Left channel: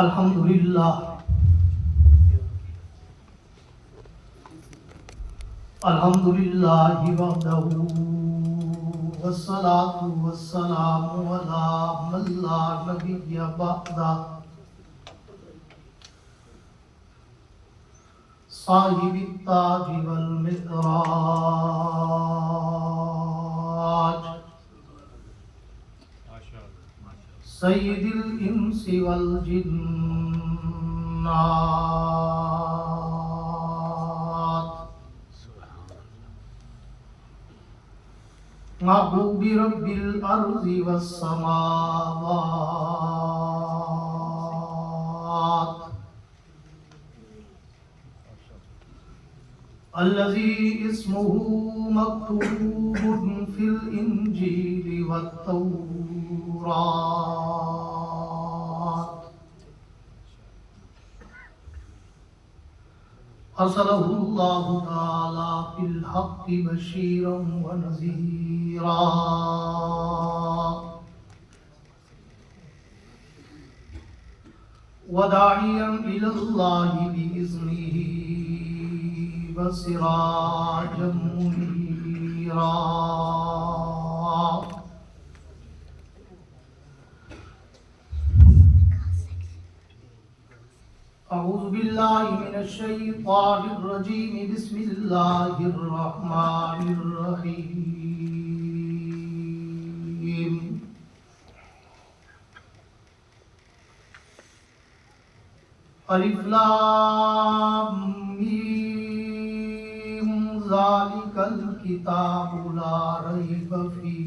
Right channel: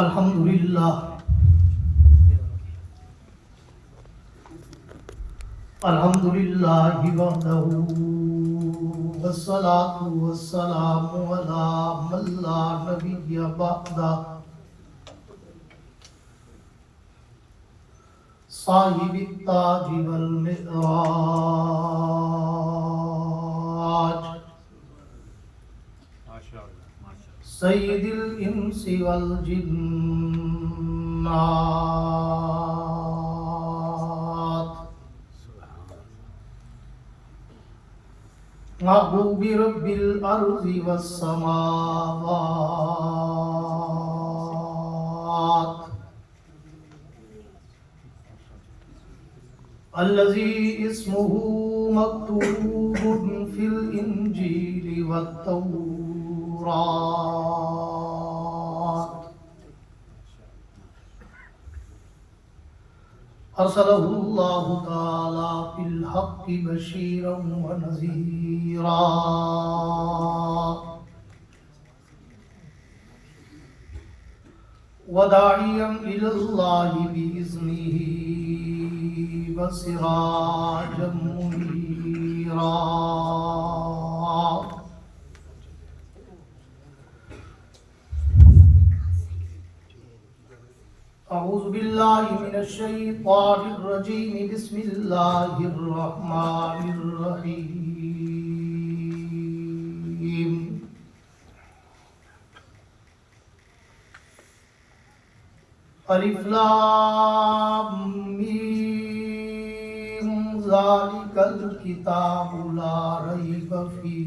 الحمدللہ الحمدللہ وحدہ والصلاة والسلام علی من لا نبی بعدہ صاحب التاج والمعراج سید الانس والجنات محبوب رب الارض والسماوات الذي اسمه مكتوب في الانجيل والتوراة أرسله الله تعالى في الحق بشيرا ونذيرا وداعيا إلى الله بإذنه وسراجا منيرا أعوذ بالله من الشيطان الرجيم بسم الله الرحمن الرحيم الف لام میم ذالک الکتاب لا ریب فیہ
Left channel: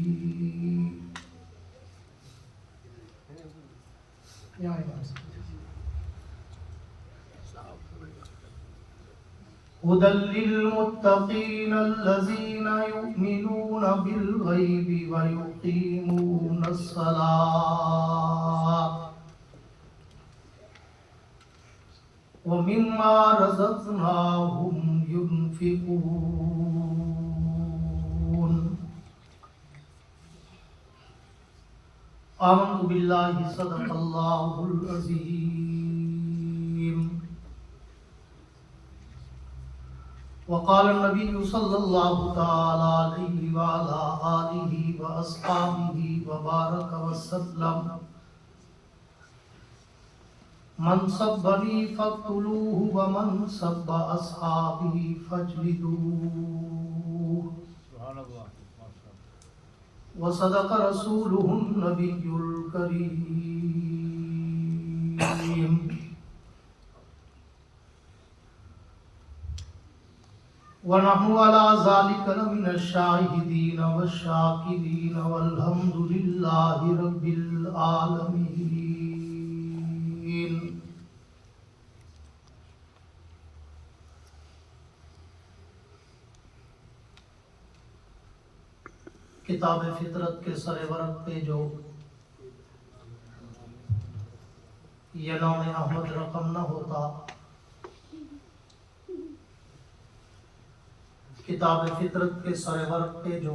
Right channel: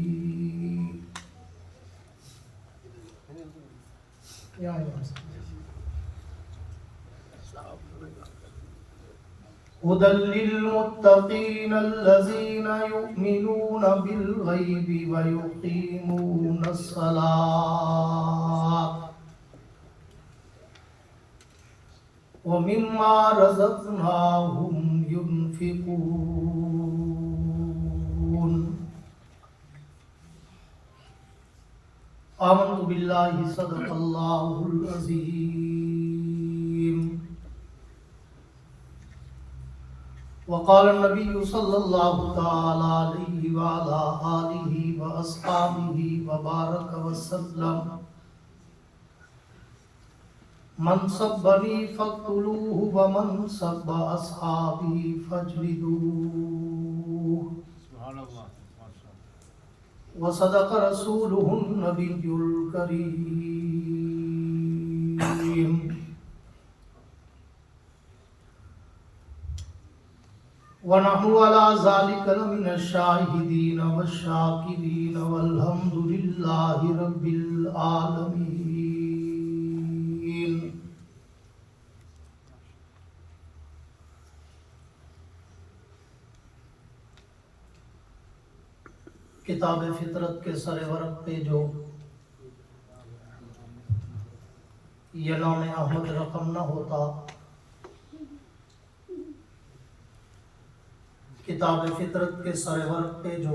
هدى للمتقين الذين يؤمنون بالغيب ويقيمون الصلاة ومما رزقناهم ينفقون آمنت بالله صدق الله العظيم وقال النبي صلى الله تعالى عليه وعلى آله وأصحابه وبارك وسلم من سبني فاقتلوه ومن سب أصحابي فاجلدوه وصدق رسوله النبي الكريم ونحن على ذلك لمن الشاهدين والشاكرين والحمد لله رب العالمين. کتاب فطرت کے سر ورق پہ جو یہ نام احمد رقم نہ ہوتا، کتاب فطرت کے سر ورق پہ جو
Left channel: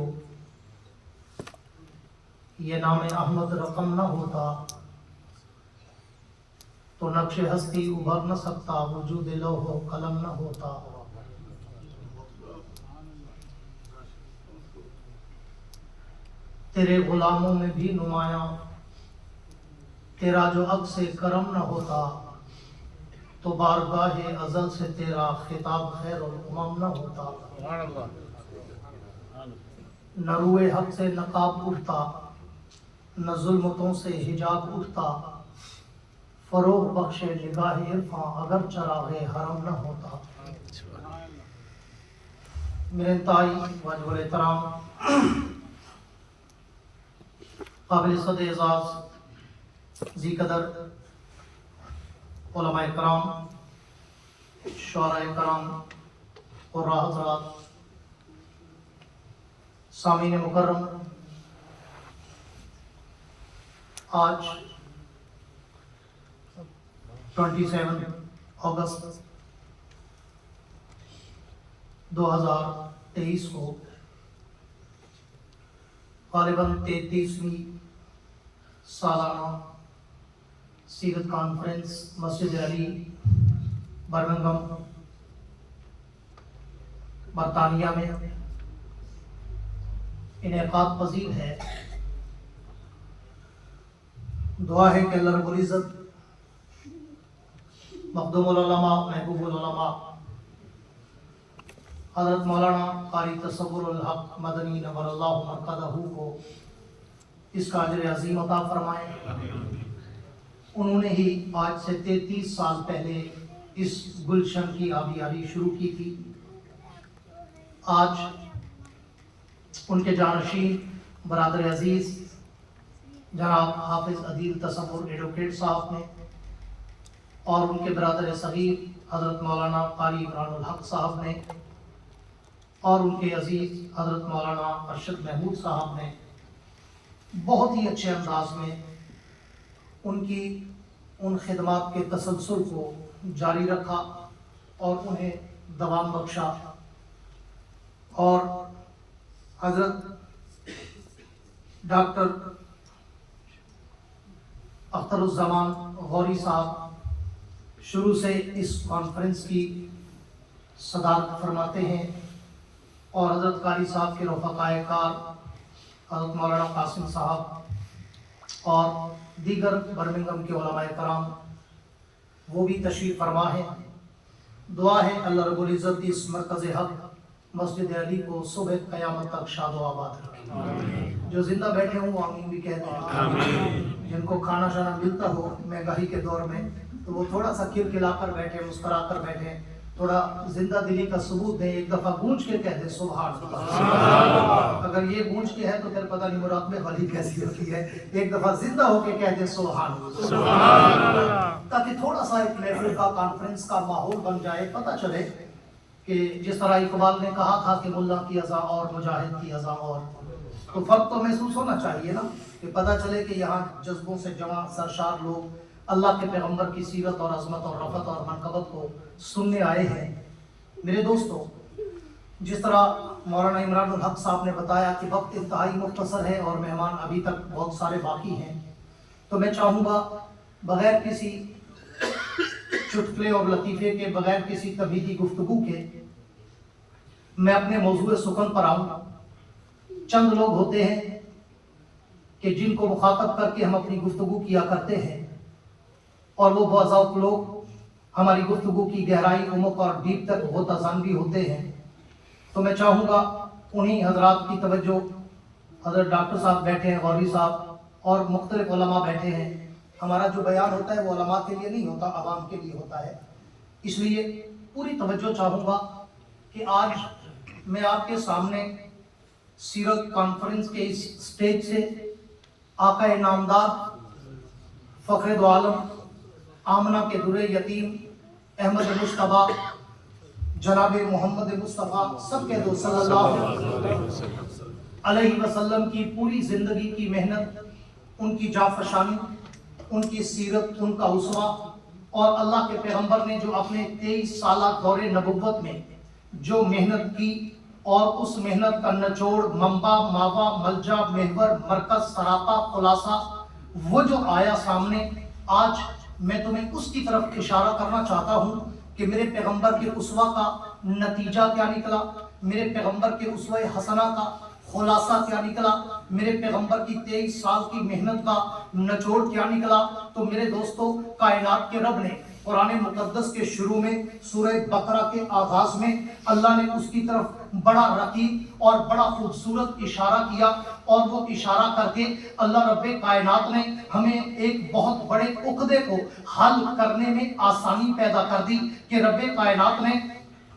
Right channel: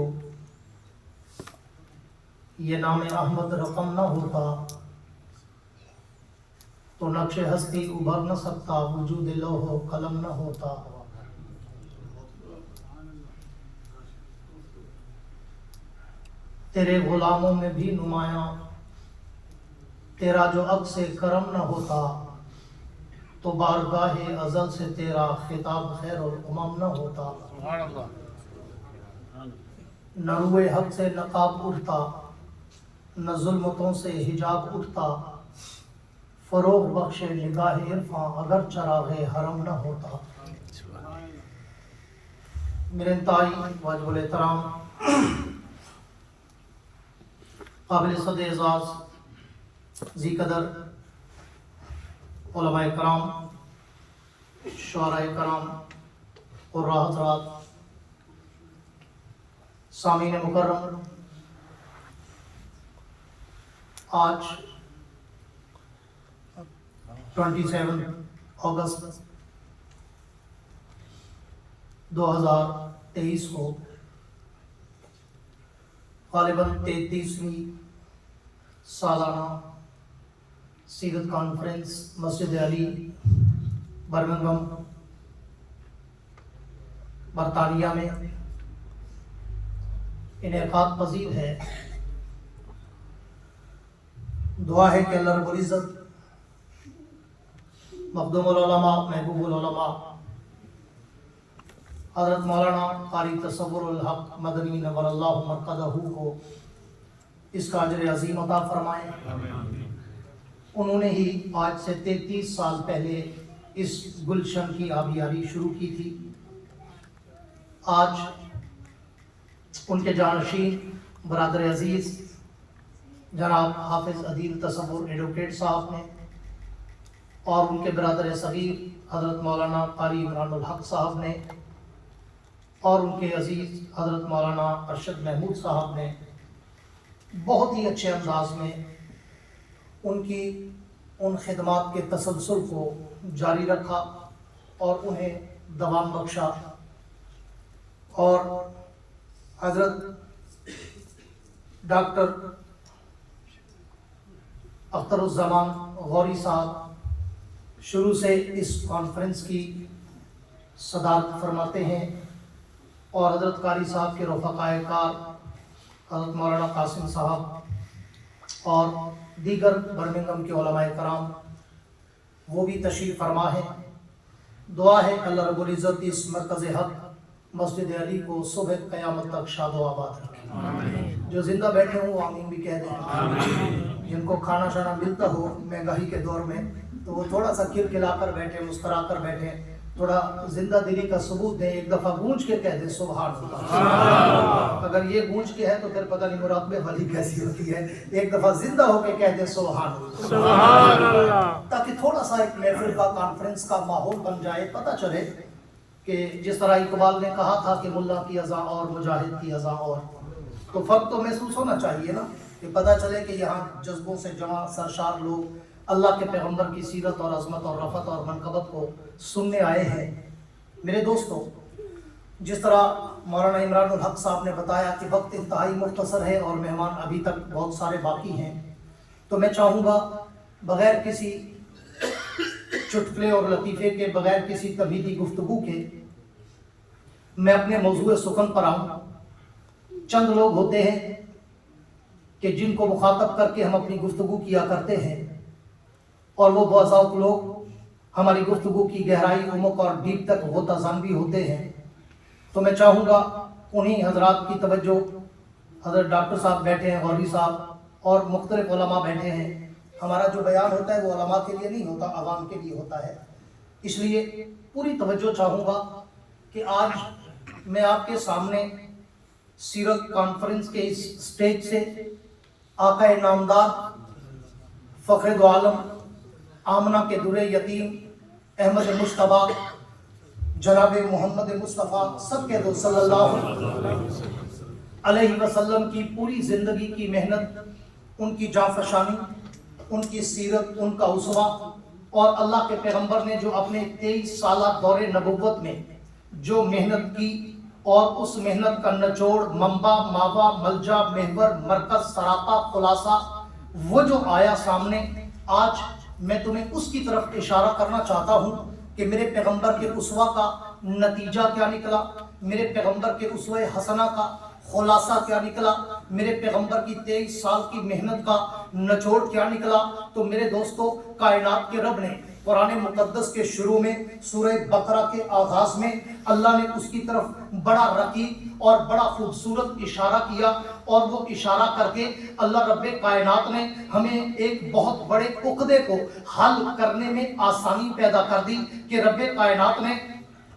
یہ نام احمد رقم نہ ہوتا تو نقش ہستی ابھر نہ سکتا، وجود لوح و قلم نہ ہوتا. تیرے غلاموں میں بھی نمایاں تیرا جو عکس کرم نہ ہوتا تو بارگاہ ازل سے تیرا خطاب خیر الامم نہ ہوتا. نہ روئے حق سے نقاب اٹھتا، نہ ظلمتوں سے حجاب اٹھتا، فروغ بخشے نگاہ عرفاں اگر چراغ حرم نہ ہوتا. میرے انتہائی واجب الاحترام قابل صد اعزاز ذی قدر علماء کرام، شعراء کرام اور حضرات، سامعین مکرم، آج 27 اگست 2023 کو غالباً 33ویں سالانہ सीरत कॉन्फ्रेंस मस्जिद अली बर्मिंघम बरतानिया में इनेकाद पजीर है। दुआ है कि अल्लाह रब्बुल इज़्ज़त मखदूमुल उलमा महबूबुल उलमा हज़रत मौलाना कारी तसव्वुरुल हक मदनी नव्वरल्लाहु मरकज़हू को इसका अजर अज़ीम अता फरमाए। उन्होंने ही आज से 33 साल पहले इस गुलशन की आबियारी शुरू की थी। आज उनके जानशीन बरादर अजीज़ जनाब हाफिज़ अदील तसव्वुर एडवोकेट साहब ने और उनके बरादर सगीर हज़रत मौलाना कारी इमरानुल हक साहब ने और उनके अजीज़ हज़रत मौलाना अरशद महमूद साहब ने बहुत ही अच्छे अंदाज में उनकी उन खिदमात के तसलसल को जारी रखा और उन्हें दवाम बख्शा। और हज़रत डॉक्टर अख्तरुज़्ज़मान गौरी साहब शुरू से इस कॉन्फ्रेंस की सदारत फरमाते हैं और हज़रत कारी साहब के रफ़क़ाए कार हज़रत मौलाना कासिम साहब और दीगर बर्मिंघम के उलमाए कराम वो भी तशरीफ़ फरमा है। दुआ है अल्लाह रब्बुल इज़्ज़त इस मरकज़ हक़ मस्जिद अली को सुबह क़यामत तक शादो आबाद रखे। जो जिंदा बैठे हों आमीन भी कह दें। जिनको खाना शाना मिलता हो महंगाई के दौर में तो वो थोड़ा सा खिलखिला कर बैठे, मुस्करा कर बैठे, थोड़ा जिंदा दिली का सबूत दें, एक दफ़ा गूंज के कह दें सुभान अल्लाह। अगर ये गूंज के है तो फिर पता नहीं मुराक़बे वाली कैसी होती है। एक दफ़ा जिंदा होके कह दें सुभान अल्लाह, ताकि थोड़ा सा एक महफिल का कॉन्फ्रेंस का माहौल बन जाए। पता चले कि जिस तरह इकबाल ने कहा था कि मुल्ला की अज़ा और मुजाहिद की अज़ा और, तो फ़र्क तो महसूस होना चाहिए ना कि पता चले कि यहाँ जज्बों से जमा सरशार लोग अल्लाह के पैगंबर की सीरत और अज़मत और रफ़त और मनक़बत को सुनने आए हैं। मेरे दोस्तों, जिस तरह मौलाना इमरानुल हक साहब ने बताया कि वक्त इंतहाई मुख्तसर है और मेहमान अभी तक बहुत सारे बाकी हैं, तो मैं चाहूँगा बग़ैर किसी चुटकुले और लतीफ़े के, बग़ैर किसी तबीदी गुफ्तगू के मैं अपने मौज़ूए सुखन पर आऊँ। चंद लोग होते हैं कि जिनको मुखातब करके हम अपनी गुफ्तगू किया करते हैं और वो बाज़ात लोग हमारी गुफ्तगू की गहराई, उम्क और डीप तक ग़ौताज़ान भी होते हैं। तो मैं चाहूँगा उन्हीं हज़रात की तवज्जो, हज़रत डॉक्टर साहब बैठे हैं, गौरी साहब और मुख्तलिफ़ उलमा बैठे हैं। हमारा जो बयान होता है वो उलमा के लिए नहीं होता, आवाम के लिए होता है। इसलिए पूरी तवज्जो चाहूँगा कि आज मैं आपके सामने सीरत कॉन्फ्रेंस के इस स्टेज से आका नामदार फ़ख्र दो आलम आमना के दुरे यतीम अहमद मुश्तबा जनाब मोहम्मद मुस्तफ़ा सबके दो सल्लल्लाहु अलैहि वसल्लम की पूरी ज़िंदगी की मेहनत, उनकी जाफशानी, उनकी सीरत, उनका उसवा और अल्लाह के पैगंबर ने जो अपने 23 साला दौरे नबुव्वत में जो मेहनत की और उस मेहनत का निचोड़, मंबा, मावा, मलजा, महवर, मरकज, सराता, खुलासा वो जो आया सामने, आज मैं तुम्हें उसकी तरफ इशारा करना चाहता हूँ कि मेरे पैगंबर के उसवा का नतीजा क्या निकला, मेरे पैगंबर के उसवा हसना का खुलासा क्या निकला, मेरे पैगंबर की 23 साल की मेहनत का निचोड़ क्या निकला। तो मेरे दोस्तों, कायनात के रब ने कुरान मुक़द्दस के शुरू में सूरह बकरा के आगाज में अल्लाह ने उसकी तरफ बड़ा रकीब और बड़ा खूबसूरत इशारा किया और वो इशारा करके अल्लाह रब्बे कायनात ने हमें एक बहुत बड़े उक़दे को हल करने में आसानी पैदा कर दी कि रब्बे कायनात ने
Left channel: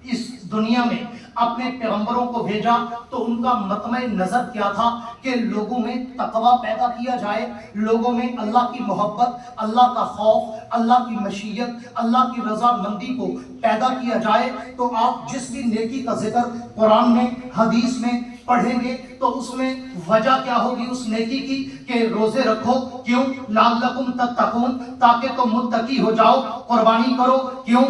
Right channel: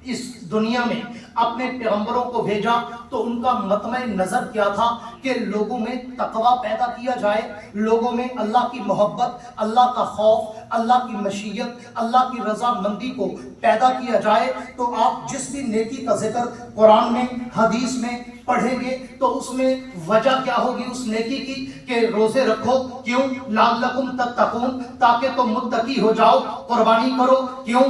इस दुनिया में अपने पैगंबरों को भेजा तो उनका मतमे नज़र क्या था कि लोगों में तकवा पैदा किया जाए, लोगों में अल्लाह की मोहब्बत, अल्लाह का खौफ, अल्लाह की मशीयत, अल्लाह की रज़ामंदी को पैदा किया जाए। तो आप जिस भी नेकी का जिक्र कुरान में, हदीस में पढ़ेंगे तो उसमें वजह क्या होगी उस नेकी की कि रोजे रखो, क्यों? लअल्लकुम तत्तकून, ताकि तुम मुत्तकी हो जाओ। कुर्बानी करो, क्यों?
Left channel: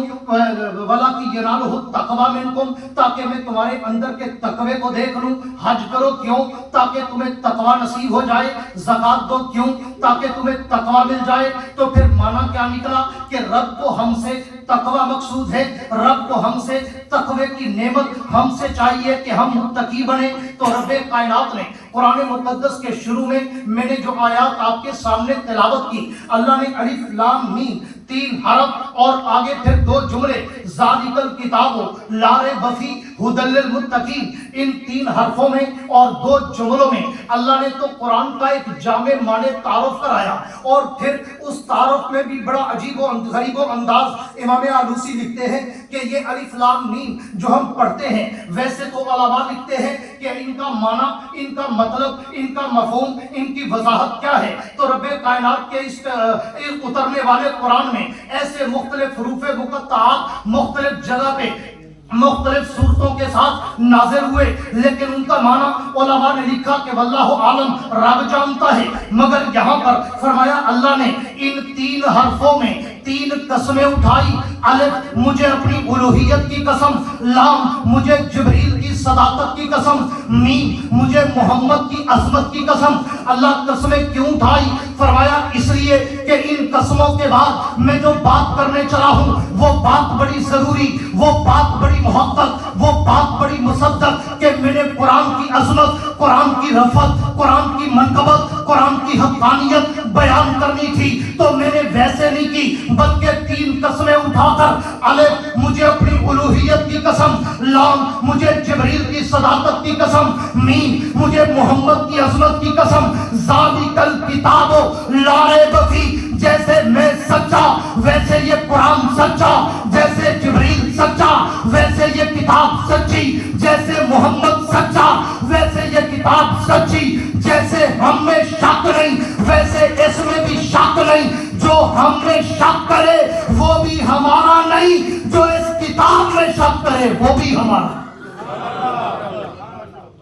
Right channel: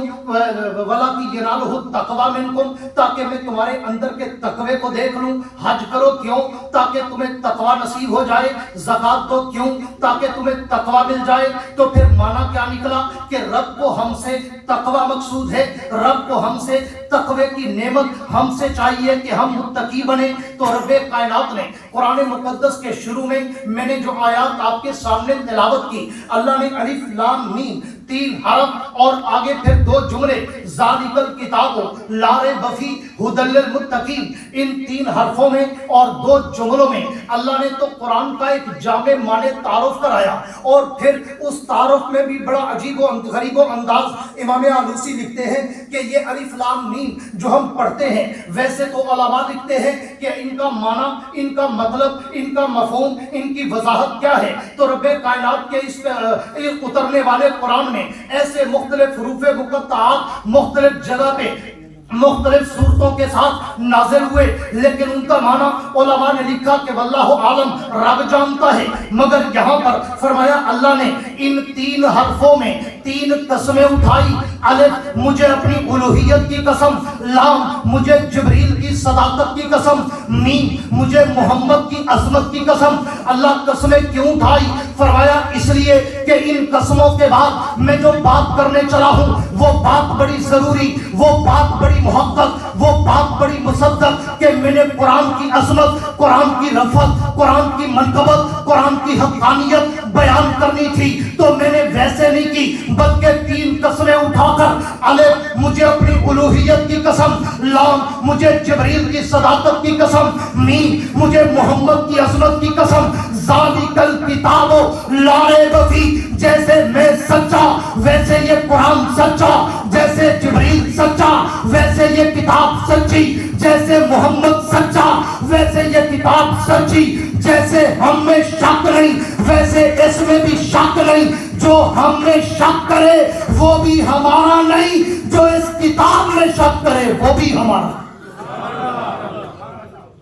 वला की यनालुहु तक़वा मिनकुम, ताकि मैं मैं तुम्हारे अंदर के तकवे को देख लूं। हज करो क्यों? ताकि तुम्हें तकवा नसीब हो जाए। ज़कात दो क्यों? ताकि तुम्हें तकवा मिल जाए। तो फिर माना क्या निकला कि रब को हमसे तकवा मकसूद है, रब को हमसे तकवे की नेमत हमसे चाहिए कि हम मुत्तकी बने। तो रब कायनात ने कुरान मुकद्दस के शुरू में मैंने जो आयत आपके सामने तिलावत की, अल्लाह ने अलिफ लाम मीम 3 हरफ और आगे फिर 2 जुमले ज़ालिकल किताबो ला रैब फी हुदल लिल मुत्तकीन, इन 3 हरफों में और 2 जुमलों में अल्लाह ने तो कुरान का एक जामे माने तारुफ कराया। और फिर उस तारुफ में भी बड़ा अजीब और गरीब अंदाज इमाम आलूसी लिखते हैं कि ये अलिफ लाम मीम जो हम पढ़ते हैं, वैसे तो उलमा लिखते हैं कि इनका माना, इनका मतलब, इनका मफहूम, इनकी वजाहत क्या है। तो रब्बे कायनात के इस उतरने वाले कुरान में ऐसे मुख्तलिफ हरूफे मुक़त्तआत मुख्तलिफ जगह पे मुख्तलिफ सूरतों के साथ नाज़िल हुए, लेकिन उनका माना उलमा ने लिखा कि वल्लाहु आलम, रब जानता है। मगर यहाँ पर फरमाया अल्लाह ने इन 3 हरफों में 3 कसमें उठाई। अलिफ मुझे अपनी उलूहियत की कसम, लाम मुझे जिब्रील की सदाकत की कसम, मीम मुझे मोहम्मद की अज़मत की कसम। अल्लाह कसमें क्यों उठाई? फरमाया इसलिए कि इन कसमों के बाद मैं जो बात करने चला हूँ वो बात बड़ी जरूरी, वो बात बड़ी मुहक्कक, वो बात बड़ी मुसद्दक कि मैंने कुरान की अज़मत, कुरान की रफ़त, कुरान की मनक़बत, कुरान की हक़ानियत बयान करनी थी। तो मैंने वैसे नहीं की, बल्कि 3 कसमें उठाकर, अलिफ मुझे अपनी उलूहियत की कसम, लाम मुझे जिब्रील की सदाकत की कसम, मीम मुझे मोहम्मद की अज़मत की कसम, ज़ालिकल किताबो ला रैब फी, जैसे मैं सच्चा वैसे ये कुरान सच्चा, जैसे जिब्रील सच्चा वैसे ये किताब सच्ची, जैसे मोहम्मद सच्चा वैसे ये किताब सच्ची, जैसे हम में शक नहीं वैसे इसमें भी शक नहीं। जो हम में शक करे वो भी हमारा नहीं, जो इस किताब में शक करे वो भी हमारा।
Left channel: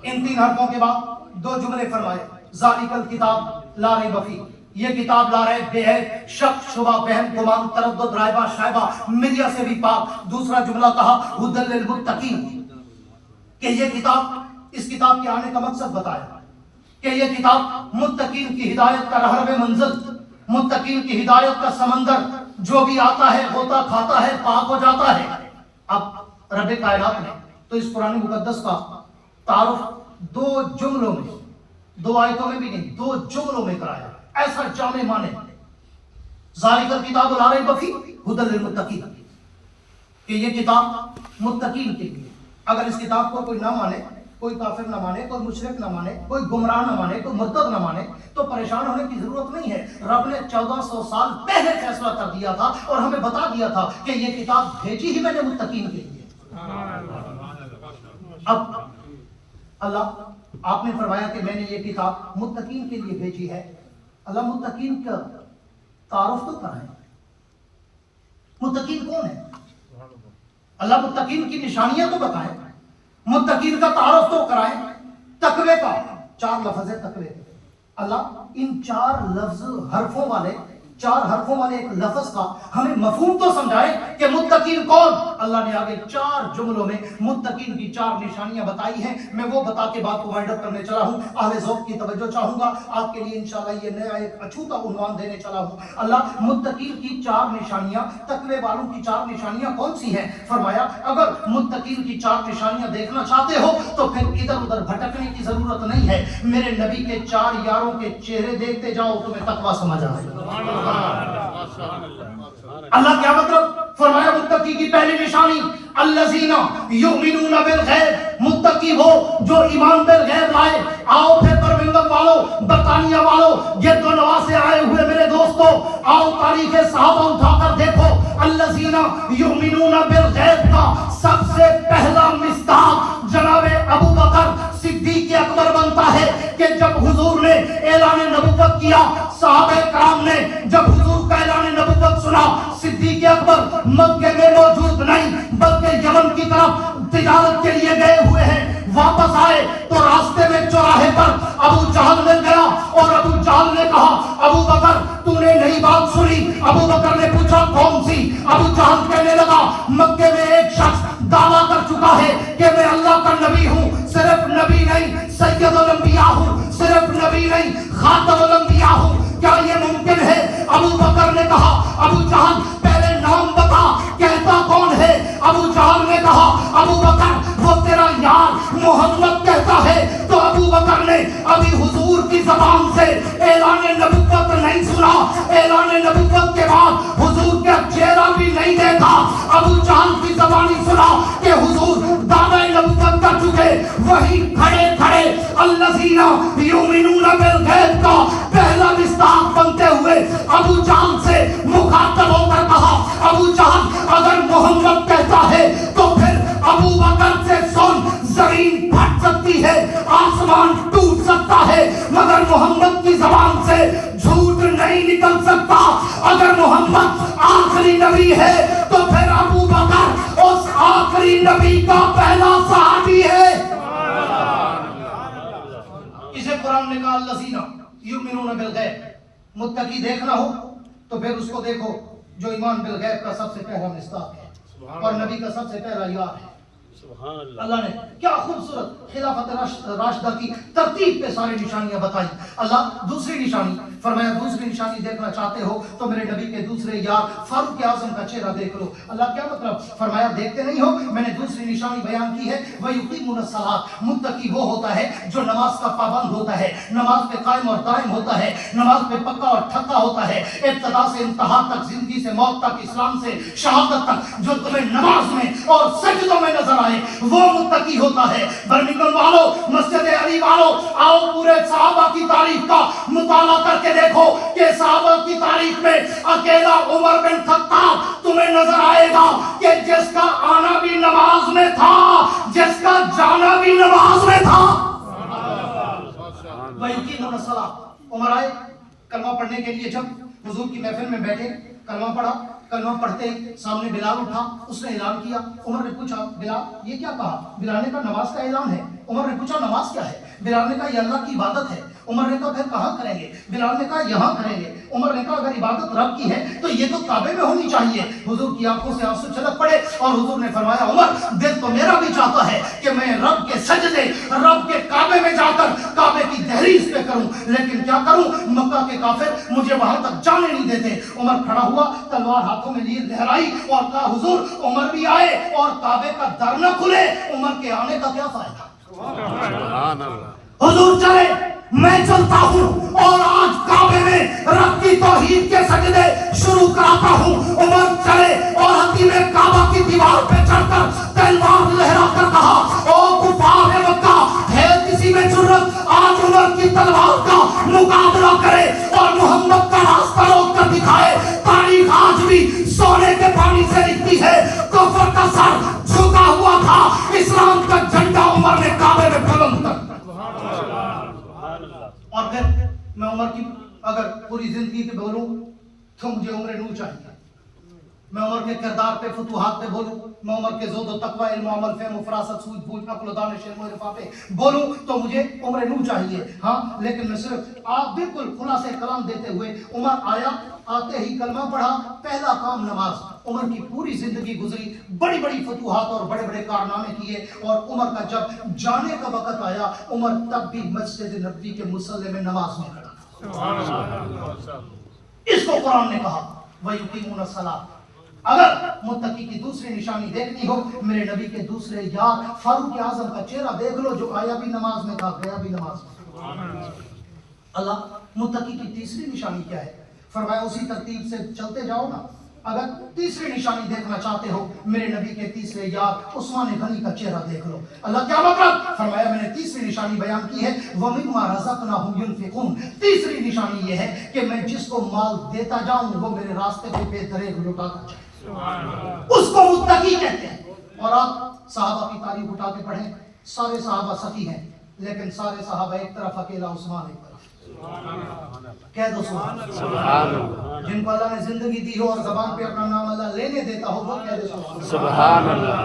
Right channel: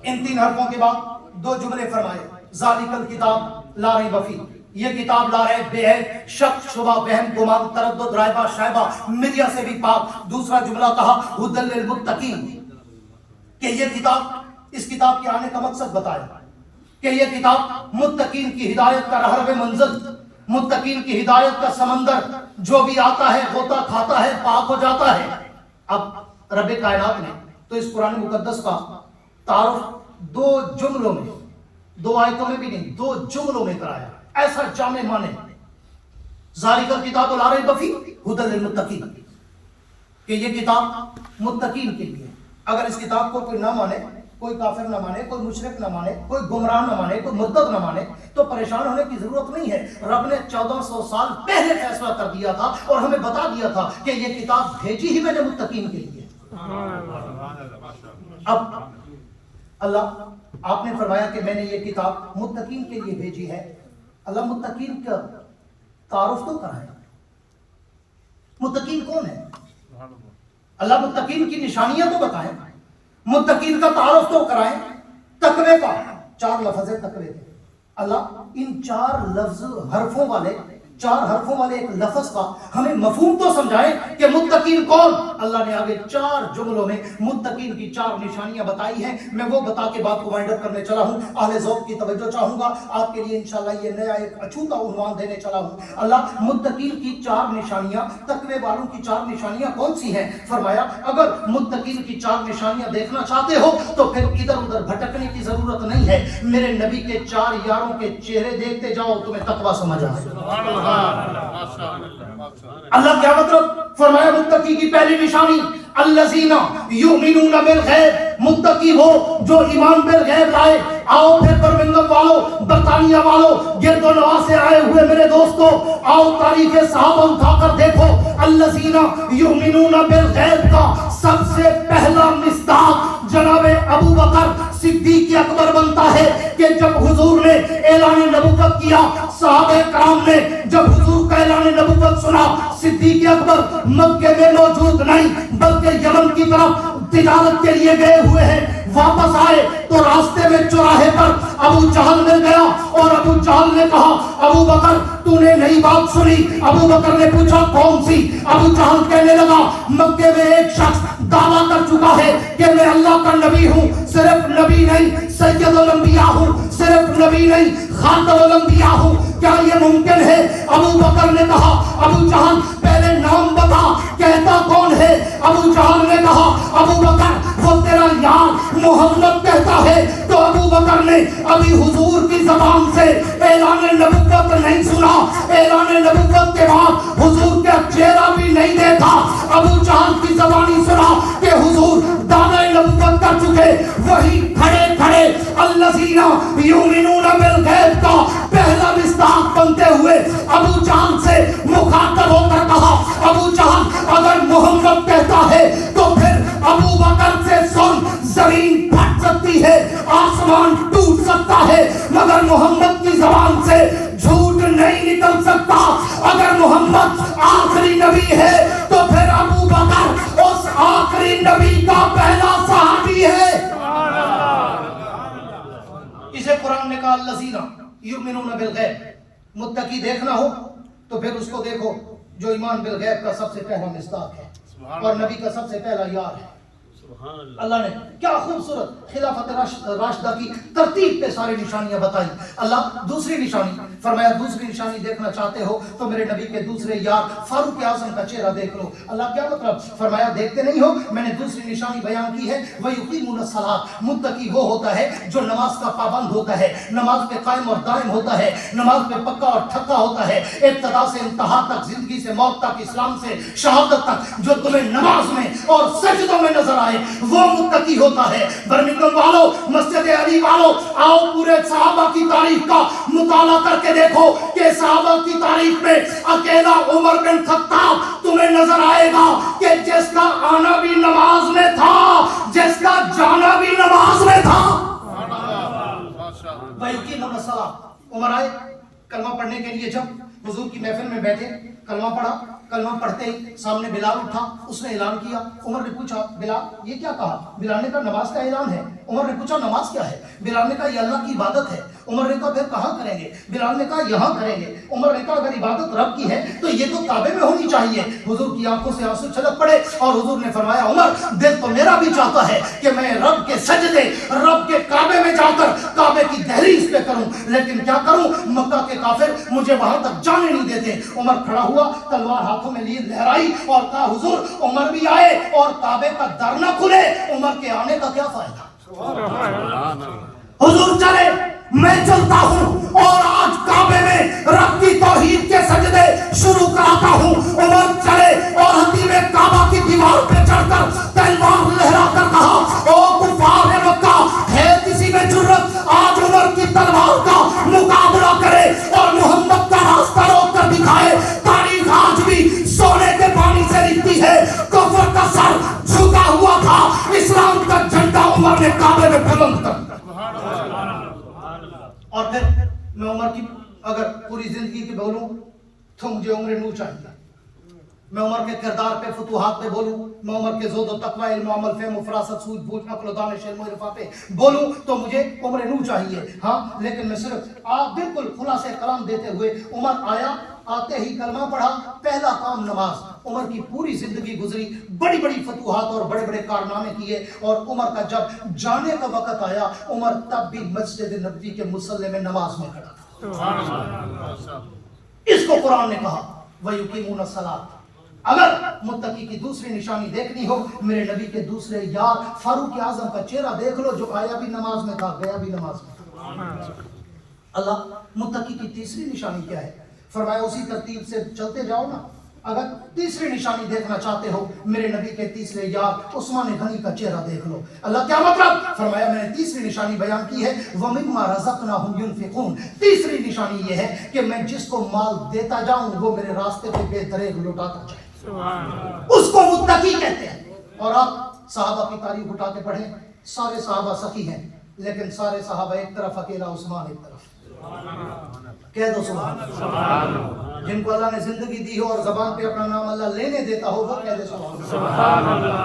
इन 3 हरफों के बाद 2 जुमले फरमाए, ज़ालिकल किताब ला रैब फी, ये किताब ला रैब बे है, शक शुबा बहम गुमान तरद्दुद रायबा शायबा मिर्या से भी पाक। दूसरा जुमला कहा हुदल लिल मुत्तकीन, कि ये किताब, इस किताब के आने का मकसद बताया कि ये किताब मुत्तकीन की हिदायत का रहरब मंजिल, मुत्तकीन की हिदायत का समंदर, जो भी आता है होता खाता है पाक हो जाता है। अब रब कायनात ने तो इस कुरान मुकद्दस का तारुफ 2 जुमलों में, 2 आयतों में भी नहीं, 2 जुमलों में कराया। ऐसा जाने माने ज़ालिकल किताब ला रैब फी हुदल लिल मुत्तकीन, कि ये किताब मुत्तकीन के लिए। अगर इस किताब को कोई ना माने, कोई काफिर ना माने, कोई मुशरिक ना माने, कोई गुमराह ना माने, कोई मुर्तद ना माने, तो परेशान होने की जरूरत नहीं है। रब ने 1400 साल पहले फैसला कर दिया था और हमें बता दिया था कि ये किताब भेजी ही मैंने मुत्तकीन के लिए। अब अल्लाह आपने फरमाया कि मैंने ये किताब मुत्तकीन के लिए भेजी है। अल्लाह मुत्तकीन का तारुफ तो कराए, मुत्तकीन कौन है? अल्लाह मुत्तकीन की निशानियां तो बताएं, मुत्तकीन का तारुफ तो कराएं। तकवे का 4 लफ्ज़ है तकवे के। अल्लाह इन 4 लफ्ज़ हरफों वाले, 4 हरफों वाले एक लफ्ज़ का हमें मफहूम तो समझाए कि मुत्तकीन कौन। अल्लाह ने आगे 4 जुमलों में मुत्तकीन की 4 निशानियां बताई हैं। मैं वो बता के बात को वाइंड अप करने चला हूँ। अहले ज़ौक़ की तवज्जो चाहूंगा आपके लिए, इंशाल्लाह ये नया एक अछूता उन्वान देने चला हूँ। अल्लाह मुत्तकीन की 4 निशानियां, तकवे वालों की 4 निशानियां कौन सी हैं? फरमाया अगर मुत्तकीन की 4 निशानियां देखना चाहते हो तो फिर इधर उधर भटकने की जरूरत नहीं है। मेरे नबी के 4 यारों के चेहरे देखते जाओ, तुम्हें तकवा समझ आएगा। अल्लाह क्या मतलब? फरमाया मुत्तकी की पहली निशानी अल्लज़ीना युमिनूना बिल गैब, मुत्तकी हो जो ईमान बिल गैब लाए। आओ फिर बर्मिंघम वालों, बरतानिया वालों, गिरदो नवा से आए हुए मेरे दोस्तों, आओ तारीख सहाबा उठाकर देखो। अल्लज़ीना युमिनूना बिल गैब का सबसे पहला मिस्ताक जनाबे अबू बकर सिद्दीक़ अकबर बनता है कि जब हुजूर ने ऐलान नबुव्वत किया, सहाबे कराम ने जब हुजूर का ऐलान नबुव्वत सुना, सिद्दीक़ अकबर मक्के में मौजूद नहीं बल्कि यमन की तरफ तिजारत के लिए गए हुए हैं। वापस आए तो रास्ते में चौराहे पर अबू जहल मिल गया और अबू जहल ने कहा अबू बकर तूने नई बात सुनी? अबू बकर ने पूछा कौन सी? अबू जहल कहने लगा मक्के में एक शख्स दावा कर चुका है कि मैं अल्लाह का नबी हूँ। सिर्फ नबी नहीं, सैयदुल अंबिया हूँ। सिर्फ नबी नहीं, खातमुल अंबिया हूँ। क्या ये मुमकिन है? अबू बकर ने कहा, अबू जहल पहले नाम बता, कहता कौन है? अबू जहल ने कहा, अबू बकर, वो तेरा यार मोहम्मद कहता है। तो अबू बकर ने अभी हुजूर की ज़बान से ऐलान नबुव्वत नहीं सुना, ऐलान नबुव्वत के बाद हुजूर का चेहरा भी नहीं देखा। अबू जहल की ज़बानी सुना कि हुजूर दावे नबुव्वत कर चुके। वही खड़े खड़े अल्लज़ीना युमिनूना बिल गैब का पहला मिस्ताक बनते हुए अबू जहल से मुखातब होकर कहा, अबू जहल अगर मोहम्मद कहता है तो फिर अबू बकर से सुन, जमीन फट सकती है, आसमान टूट सकता है, मगर मोहम्मद की ज़बान से झूठ नहीं निकल सकता। अगर मोहम्मद आखिरी नबी है तो फिर अबू बकर उस आखिरी नबी का पहला सहाबी है। इसे कुरान ने कहा अल्लज़ीना युमिनूना बिल गैब। मुत्तकी देखना हो तो फिर उसको देखो जो ईमान बिल गैब का सबसे पहला मिस्ताक है और नबी का सबसे पहला यार है। अल्लाह ने क्या खूबसूरत खिलाफत राशिदा की तरतीब पे सारी निशानियां बताई। अल्लाह दूसरी निशानी फरमाया, दूसरी निशानी देखना चाहते हो तो मेरे नबी के दूसरे यार फारूक आजम का चेहरा देख लो। अल्लाह क्या मतलब? फरमाया देखते नहीं हो, मैंने दूसरी निशानी बयान की है, वह युकीमुन सलात। मुत्तकी वो होता है जो नमाज का पाबंद होता है, नमाज पे कायम और दायम होता है, नमाज पे पक्का और ठक्का होता है, इब्तिदा से इंतहा तक, जिंदगी से मौत तक, इस्लाम से शहादत तक, जो तुम्हें नमाज में और सजदों में नजर आए वो मुत्तकी होता है। बर्मिंघम वालों, मस्जिद अली वालों, आओ पूरे सहाबा की तारीख का मुताला करके देखो कि सहाबा की तारीख में अकेला उमर बिन खत्ताब तुम्हें नजर आएगा कि जिसका आना भी नमाज में था, जिसका जाना भी नमाज में था। उमर आए कलमा पढ़ने के लिए, जब हुजूर की महफिल में बैठे, कलमा पढ़ा, कलमा पढ़ते ही सामने बिलाल उठा, उसने ऐलान किया। उमर ने पूछा, बिलाल ये क्या कहा? बिलाल ने कहा नमाज का ऐलान है। उमर ने पूछा नमाज क्या है? बिलाल ने कहा ये अल्लाह की इबादत है। उमर ने कहा फिर कहाँ करेंगे? बिलाल ने कहा यहाँ करेंगे। उमर ने कहा अगर इबादत रब की है तो ये तो काबे में होनी चाहिए। हुजूर की आंखों से आंसू छलक पड़े और हुजूर ने फरमाया, उमर दिल तो मेरा भी चाहता है कि मैं रब के सजदे, रब के काबे में जाकर काबे की दहलीज पे करूं, लेकिन क्या करूं, मक्का के काफिर मुझे वहां तक जाने नहीं देते। उमर खड़ा हुआ, तलवार हाथों में लिए लहराई और कहा, हुजूर उमर भी आए और काबे का दर न खुले, उमर के आने का क्या फायदा? हुजूर चले, मैं चलता हूँ और आज काबे में रब की तौहीद के सजदे शुरू कराता हूँ। उमर चले और हतीमे काबा की दीवार पे चढ़कर तलवार लहराकर कहा, ओ कुफार मक्का, है किसी में जुर्रत आज उमर की तलवार का मुकाबला करे और मोहम्मद का रास्ता रोक कर दिखाए? तारीख आज भी सोने के पानी से लिखती है, कुफर का सर झुका हुआ था, इस्लाम का झंडा उमर ने काबे में बुलंद कर। और फिर मैं उमर की अगर पूरी जिंदगी के बोलूं तो मुझे उम्र नूर चाहिए। मैं उमर के किरदार पे, फतूहात पे बोलूं, मैं उमर के ज़ोद व तक़वा, इल्म अमल, फ़हम, फ़रासत, सूझ बूझ, अक़्ल, दानिश, इल्म और इरफ़ा पे बोलूं तो मुझे उम्र नूर चाहिए। हाँ, लेकिन मैं सिर्फ आप बिल्कुल खुलासे कलाम देते हुए, उमर आया, आते ही कलमा पढ़ा, पहला काम नमाज। उमर की पूरी जिंदगी गुजरी, बड़ी बड़ी फतूहात और बड़े बड़े कारनामे किए, और उमर का जब जाने का वक़्त आया, उमर तब भी मस्जिद नबवी के मुसल्ले में नमाज में खड़ा। इसको कुरान ने कहा वयुकीमुन सलात। अगर मुत्तकी की दूसरी निशानी देखनी हो, मेरे नबी के दूसरे यार फारूक आजम का चेहरा देख लो, जो आया भी नमाज में था, गया भी नमाज में। अल्लाह मुत्तकी की तीसरी निशानी क्या है? फरमाया उसी तरतीब से चलते जाओ ना। अगर तीसरी निशानी देखना चाहते हो, मेरे नबी के तीसरे यार उस्मान गनी का चेहरा देख लो। अल्लाह क्या मतलब? फरमाया मैंने तीसरी निशानी बयान की है, वमिम्मा रज़क़नाहुम युनफ़िक़ून। तीसरी निशानी ये है कि मैं जिसको माल देता जाऊं वो मेरे रास्ते पे बेदरेग लौटाता जाए, उसको मुत्तकी कहते हैं। और आप सहाबा की तारीफ उठा के पढ़ें, सारे सहाबा सखी हैं, लेकिन सारे सहाबा एक तरफ, अकेला उस्मान एक तरफ। कह दो सुभान अल्लाह। जिनको अल्लाह ने जिंदगी दी हो और जबान पे अपना नाम अल्लाह लेने देता हो, वो कह दे सुभान अल्लाह।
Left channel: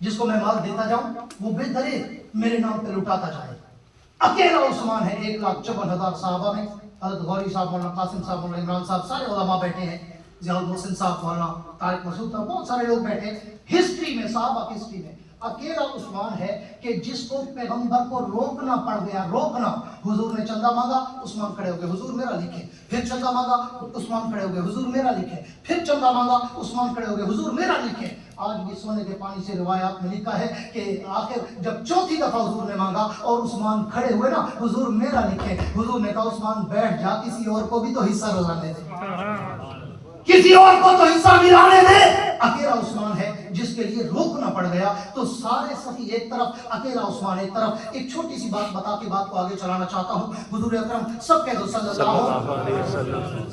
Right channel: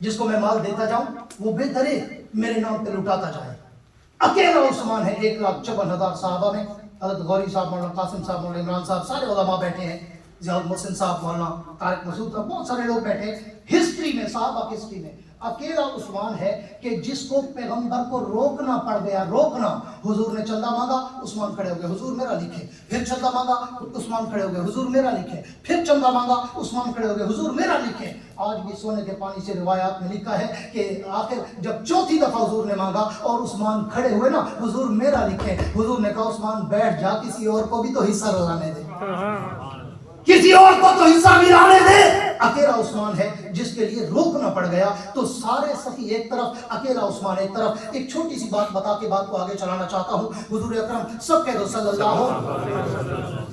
जिसको मैं माल देता जाऊं वो बेदरे मेरे नाम पे लुटाता जाए। अकेला उस्मान है 1,54,000 साहबा में। हज़रत गौरी साहब, मौलाना कासिम साहब, मौलाना इमरान साहब, सारे उलमा बैठे हैं। जियाउल मोहसिन साहब, मौलाना तारिक मसूद साहब, बहुत सारे लोग बैठे। हिस्ट्री में, साहबा की हिस्ट्री में अकेला उस्मान है कि जिसको पैगंबर को रोकना पड़ गया, रोकना। हुजूर ने चंदा मांगा, उस्मान खड़े हो गए, हुजूर मेरा लिखे। फिर चंदा मांगा, उस्मान खड़े हो गए, हुजूर मेरा लिखे। फिर चंदा मांगा, उस्मान खड़े हो गए, हुजूर मेरा लिखे। आज भी सोने के पानी से रिवायात में लिखा है कि आखिर जब चौथी दफा हुजूर ने मांगा और उस्मान खड़े हुए ना, हुजूर मेरा लिखे। हुजूर ने कहा उस्मान बैठ जा, किसी और को भी तो हिस्सा मिलाने दे, किसी और को तो हिस्सा मिलाने दे। अकेला उस्मान है जिसके लिए रोकना पड़ गया। तो सारे सखी एक तरफ, अकेला उस्मान एक तरफ। एक छोटी सी बात बता के बात को आगे चलाना चाहता हूँ। हुजूर अकरम सब कह दो सल्लल्लाहु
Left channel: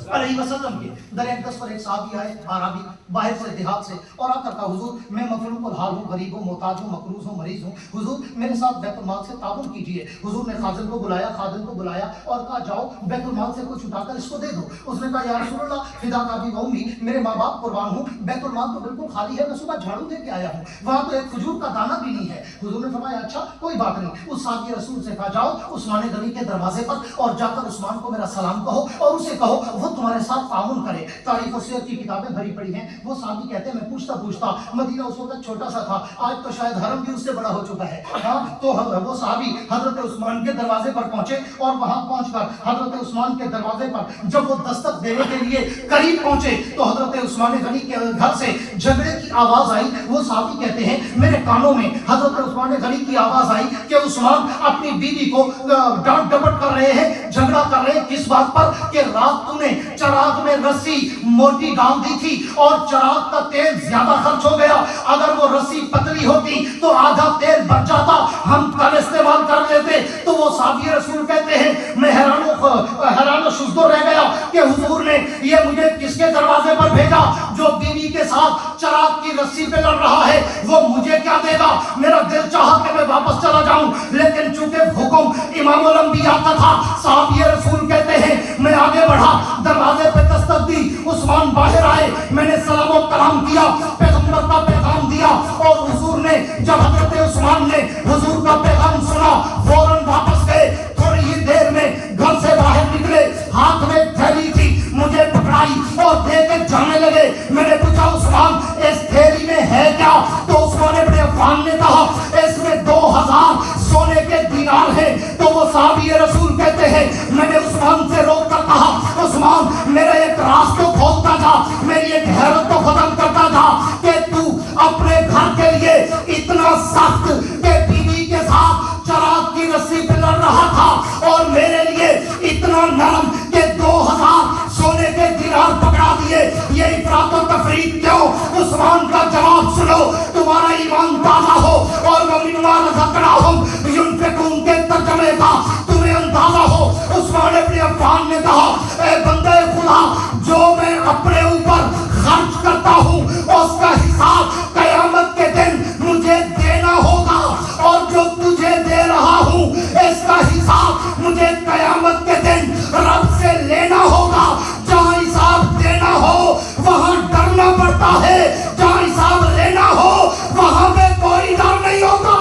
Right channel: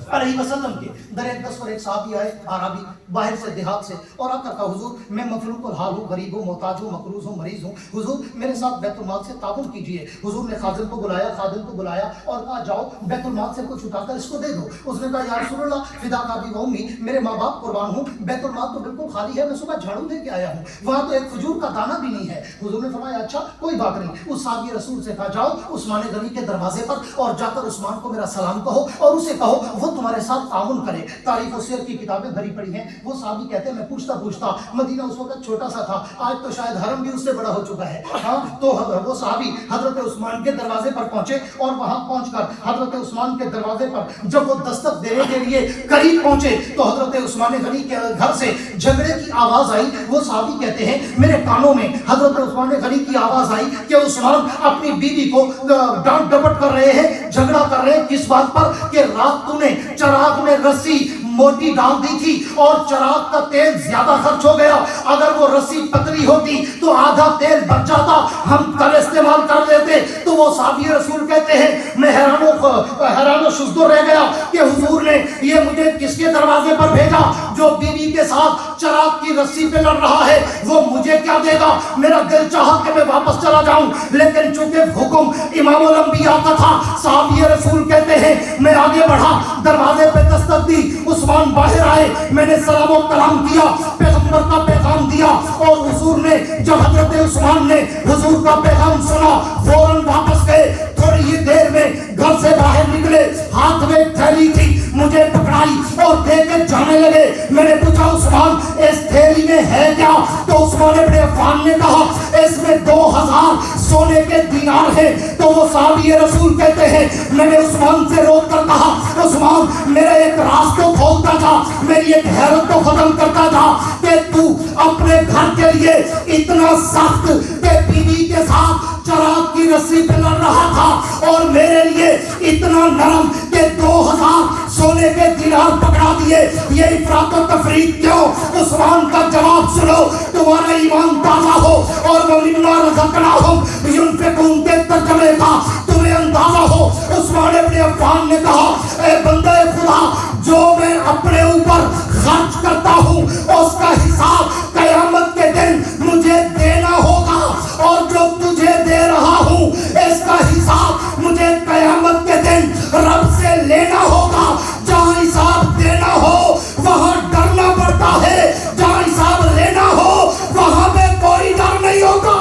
अलैहि वसल्लम के दर अक़दस पर एक सहाबी आए, अरबी, बाहर से, देहात से, और आकर कहा हुजूर मैं मफलूकुल हाल हूँ, गरीब हूँ, मोहताज हूँ, मकरूज हूँ, मरीज हूँ, हुजूर मेरे साथ बैतुल माल से ताबुन कीजिए। हुजूर ने खादिम को बुलाया, खादिम को बुलाया और कहा जाओ बैतुल माल से कुछ उठाकर इसको दे दो। उसने कहा या रसूलुल्लाह फिदा का भी वही, मेरे माँ बाप कुर्बान हूँ, बैतुल माल तो बिल्कुल खाली है, मैं सुबह झाड़ू लेके आया हूँ, वहाँ तो एक खजूर का दाना भी नहीं है। हुजूर ने फरमाया अच्छा कोई बात नहीं। उस साहबी रसूल से कहा जाओ उस्मान गनी के दरवाजे पर और जाकर उस्मान को मेरा सलाम कहो और उसे कहो वो तुम्हारे साथ ताउन करे। तारीख और सीरत की किताबें भरी पड़ी हैं। वो साहबी कहते हैं मैं पूछता मदीना उस वक्त छोटा सा था, आज तो शायद हरम भी उससे बड़ा हो चुका है। हाँ, तो वो साहबी हजरत उस्मान के दरवाजे पर पहुंचे और वहां पहुंचकर हजरत उस्मान के दरवाजे पर जब वो दस्तक देने के लिए करीब पहुंचे तो हजरत उस्मान गनी के घर से झगड़े की आवाज आई। वो साहबी कहते हैं मेरे कानों में हजरत उस्मान गनी की आवाज आई कि उस्मान अपनी बीवी को डांट डपट कर रहे हैं, झगड़ा कर रहे हैं। किस बात पर? कि रात तूने चराग में रस्सी मोटी डाल दी थी और चराग का तेल ज्यादा खर्च हो गया, अगर वो रस्सी पतली होती तो आधा तेल बच जाता, हम कल इस्तेमाल कर लेते। तो वो साहबी रसूल कहते हैं मैं हैरानो शुजदो रह गया कि हुजूर ने ये मुझे किसके दरवाजे पर भेजा? जो बीवी के साथ चराग की रस्सी पे लड़ रहा है वो मुझे क्या देगा? मेरा दिल चाहा कि मैं वापस चला जाऊं, लेकिन चूंकि हुक्म इमामुल अंबिया का था, साहबी रसूल कहते हैं मैं आगे बढ़ा, दरवाजे पे दस्तक दी, उस्मान बाहर आए, मैंने सलाम और कलाम किया, पैगंबर का पैगाम दिया और हुजूर ने जब हजरत उस्मान ने हुजूर का पैगाम सुना फौरन वापस गए। थोड़ी ही देर में घर से बाहर निकले, हाथ में थैली थी, मुझे पकड़ाई और देके जाने लगे। मैंने पूछा उस्मान इस थैली में है क्या? तो उस्मान इब्न अफ़्फ़ान ने कहा इसमें 2000 सोने के दीनार हैं। तो वो साहबी रसूल कहते हैं मैंने उस्मान से रोक कर कहा उस्मान मेरा एक राज तो खोलता था, मेरी एक हैरत तो खत्म करता था कि तू अपने घर के लिए इतना सख्त कि बीवी के साथ चराग की रस्सी पे लड़ रहा था और मेरे लिए इतना नरम कि 2000 सोने के दीनार पकड़ा दिए। ये इफरात और तफरीक क्यों? उस्मान का जवाब सुनो, तुम्हारा ईमान ताजा हो और वो मिम्मा रज़क़नाहुम युनफ़िक़ून के तर्जुमे का तुम्हें अंदाजा हो। उस्मान इब्न अफ़्फ़ान ने कहा ए बंदे खुदा, जो मैं अपने ऊपर खर्च करता हूँ उसका हिसाब क़यामत के दिन मुझे देना होगा और जो तुझे दे रहा हूँ इसका हिसाब मुझे क़यामत के दिन रब से लेना होगा। जहाँ हिसाब देना हो वहाँ डरना पड़ता है, जहाँ हिसाब लेना हो वहाँ पे कोई डर नहीं होगा।